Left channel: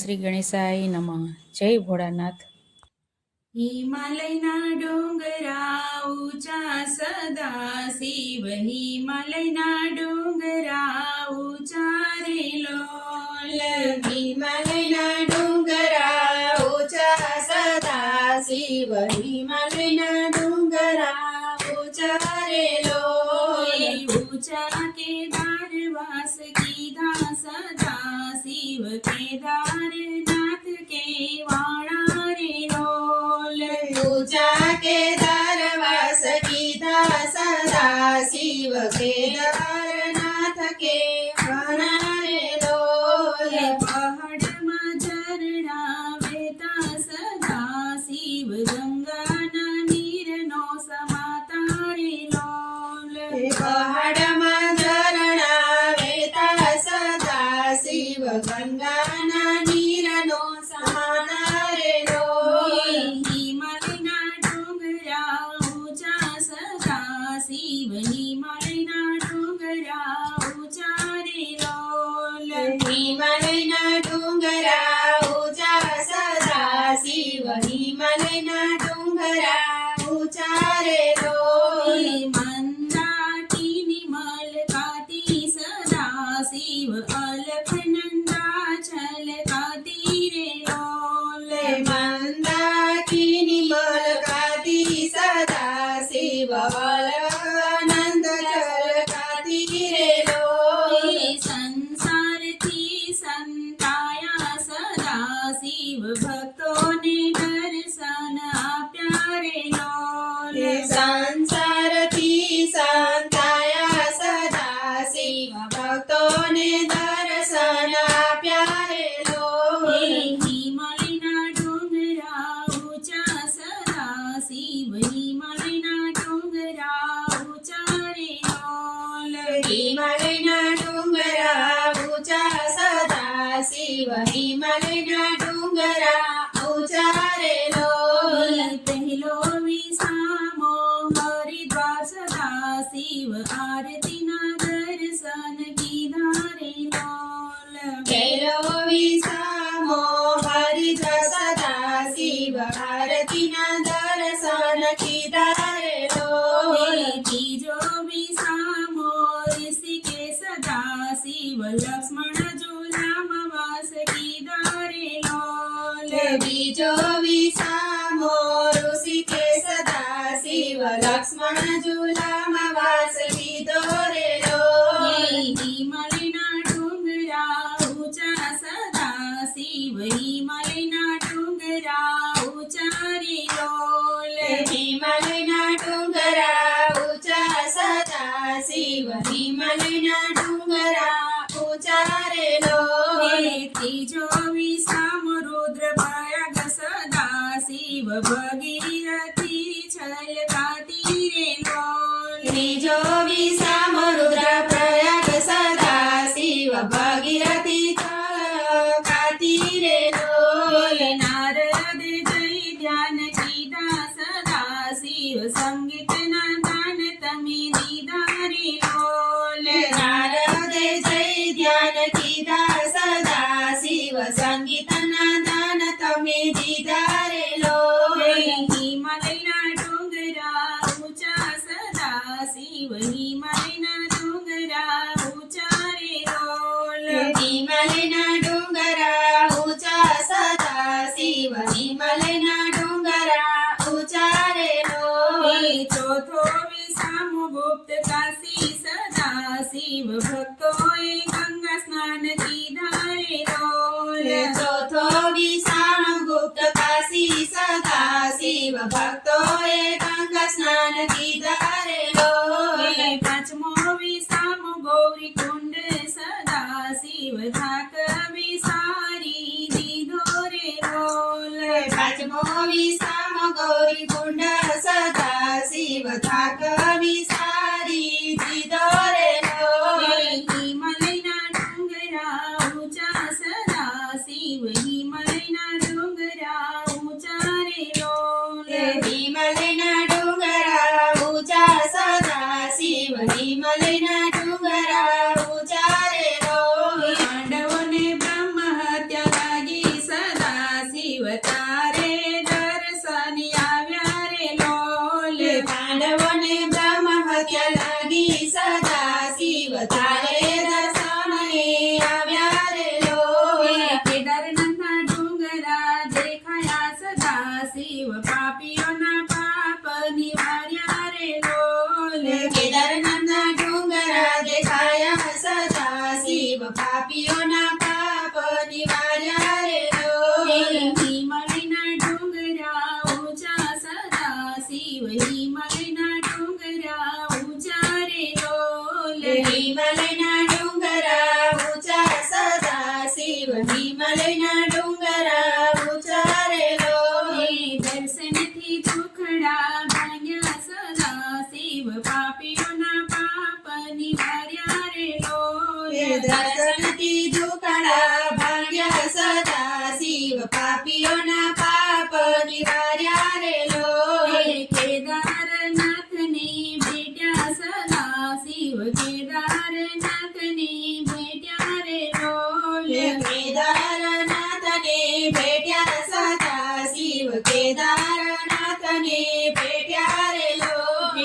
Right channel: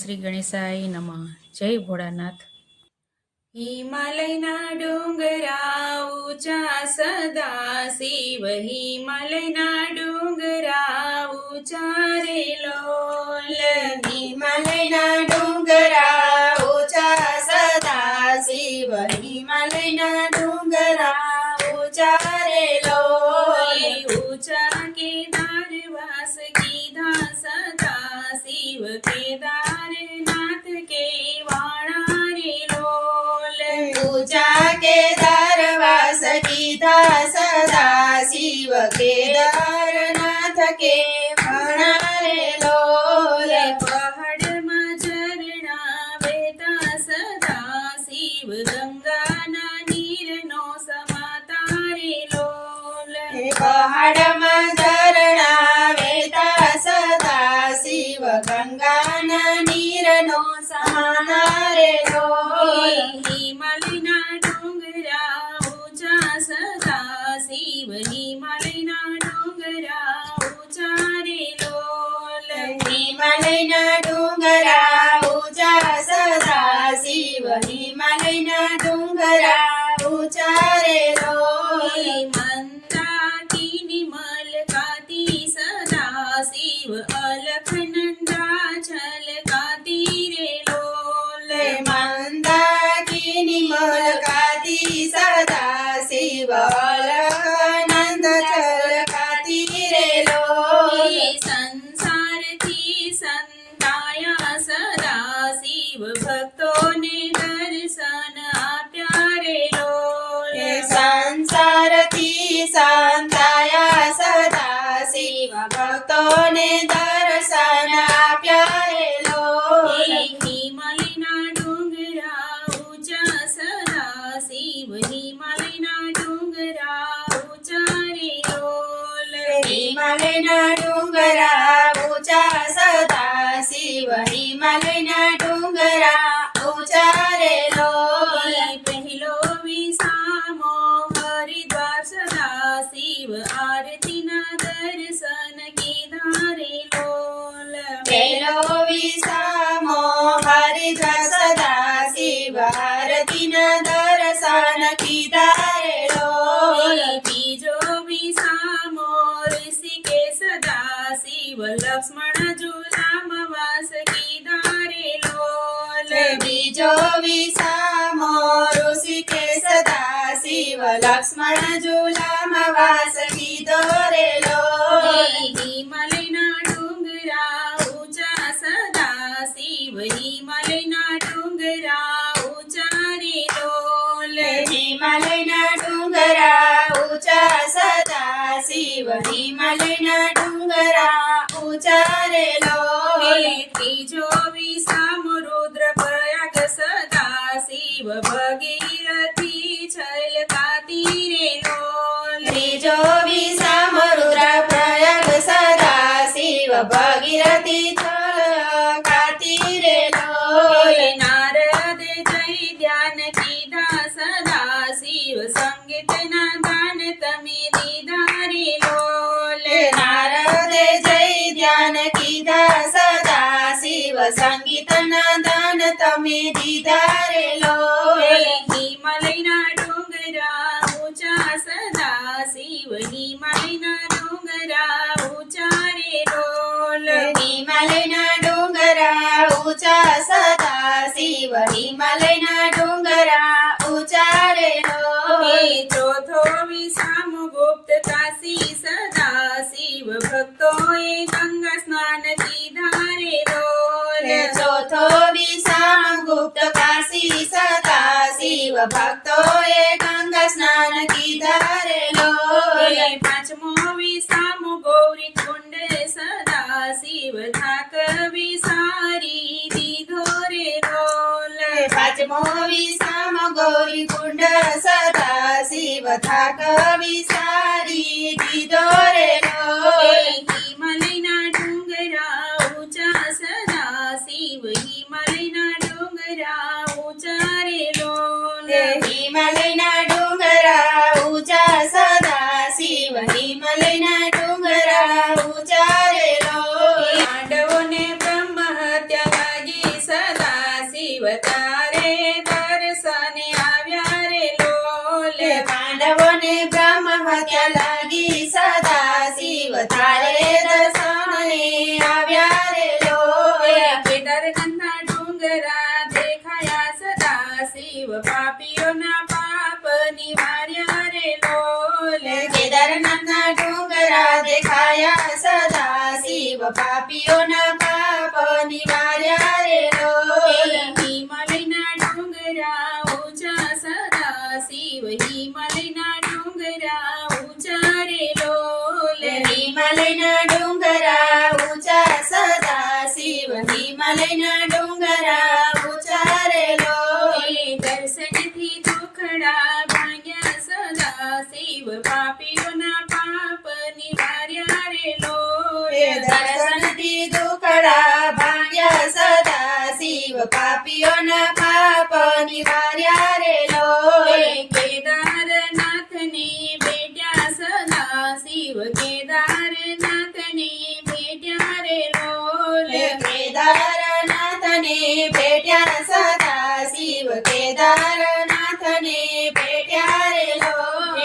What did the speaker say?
શ્રી ગણેશાય નમઃ. જય ભોળાનાથ. હિમાલયના ડુંગરા ઊંચા સદા શિવ, હિમાલયના ડુંગરા ઊંચા રે લોલ. હિમાલયના ડુંગરા ઊંચા સદા શિવ, હિમાલયના ડુંગરા ઊંચા રે લોલ. ઊંચા કેદાર વાસ કીધા સદા શિવ, કેદારનાથ કે વાણા રે લોલ. ઊંચા કેદાર વાસ કીધા સદા શિવ, કેદારનાથ કે વાણા રે લોલ. પહાડમાં ઝરણા વહેતા સદા શિવ, ગંગાના નીરનો સમાતા રે લોલ. પહાડમાં ઝરણા વહેતા સદા શિવ, ગંગાના નીરનો સમાના રે લોલ. હિમાલયના ડુંગરા ઊંચા સદા શિવ, હિમાલયના ડુંગરા ઊંચા રે લોલ. હિમાલયના ડુંગરા ઊંચા સદા શિવ, હિમાલયના ડુંગરા ઊંચા રે લોલ. મંદાકિની મલકાતી સદા શિવ, અલખનંદા છલકાતી રે લોલ. મંદાકિની મલકાતી સદા શિવ, અલખનંદ છલકાતી રે લોલ. સંસારથી સંતાયા સદા શિવ, ભક્તોને દર્શન આપ્યા રે લોલ. સંસારથી સંતાયા સદા શિવ, ભક્તોને દર્શન આપ્યા રે લોલ. હિમાલયના ડુંગરા ઊંચા સદા શિવ, હિમાલયના ડુંગરા ઊંચા રે લોલ. હિમાલયના ડુંગરા ઊંચા સદા શિવ, હિમાલયના ડુંગરા ઊંચા રે લોલ. પહેલો વિસામો હરિદ્વાર સદા શિવ, આરતીના દર્શન કીધા રે લોલ. પેલો વિસામો હરિદ્વાર સદા શિવ, આરતીના દર્શન કીધા રે લોલ. બીજો વિસામો ઋષિકેશ સદા શિવ, લક્ષ્મણ ઝૂલામાં વાસ કીધા રે લોલ. બીજો વિસામો ઋષિકેશ સદા શિવ, લક્ષ્મણ ઝૂલામાં વાસ કીધો રે લોલ. હિમાલયના ડુંગરા ઊંચા સદા શિવ, હિમાલયના ડુંગરા ઊંચા રે લોલ. હિમાલયના ડુંગરા ઊંચા સદા શિવ, હિમાલયના ડુંગરા ઊંચા રે લોલ. ત્રીજો વિસામો રુદ્રપ્રયાગ સદા શિવ, ભગીરથી છલકાતી રે લોલ. ત્રીજો વિસામો રુદ્રપ્રયાગ સદા શિવ, ભગીરથી છલકાતી રે લોલ. નારદ જય ધ્યાન કીધા સદા શિવ, સંગીતના દાન તમે દીધા રે લોલ. નારદે જય ધ્યાન કીધા સદા શિવ, સંગીતના દાન તમે દીધા રે લોલ. હિમાલયના ડુંગરા ઊંચા સદા શિવ, હિમાલયના ડુંગરા ઊંચા રે લોલ. હિમાલયના ડુંગરા ઊંચા સદા શિવ, હિમાલયના ડુંગરા ઊંચા રે લોલ. ચોથો વિસામો ગુપ્ત કાશી સદા શિવ, ભક્તોએ ગંગા સ્નાન કીધા રે લોલ. ચોથો વિસામ ગુપ્ત કાશી સદા શિવ, ભક્તોએ ગંગા સ્નાન કીધા રે લોલ. પાંચમો વિસામો ગૌરી કુંડ સદા શિવ, થાક વિસારી દીધો રે લોલ. પાંચમો વિસામ ગૌરી કુંડ સદા શિવ, થાક વિસારી દીધો રે લોલ. હિમાલયના ડુંગરા ઊંચા સદા શિવ, હિમાલયના ડુંગરા ઊંચા રે લોલ. હિમાલયના ડુંગરા ઊંચા સદા શિવ, હિમાલયના ડુંગરા ઊંચા રે લોલ. પાંડવોને બ્રહ્મ હત્યા લાગી નિવાર્યા રે લોલ કેદારનાથના ડુંગરા દેખાયા સદા શિવ પાપીઓના પાપ નિવાર્યા રે લોલ હિમાલયના ડુંગરા ઊંચા સદા શિવ હિમાલયના ડુંગરા ઊંચા રે લોલ હિમાલયના ડુંગરા ઊંચા સદા શિવ હિમાલયના ડુંગરા ઊંચા રે લોલ દર્શનથી દુખડા ભાંગ્યા સદા શિવ પાપીઓના પાપ નિવાર્યા રે લોલ દર્શનથી દુખડા ભાગ્યા સદા શિવ પાપીઓના પાપ નિવાર્યા રે લોલ કેદારનાથને ભેટ્યા સદા શિવ કેદારનાથને ભેટ્યા રે લોલ કેદારનાથને ભેટ્યા સદા શિવ કેદારનાથને ભેટ્યા રે લોલ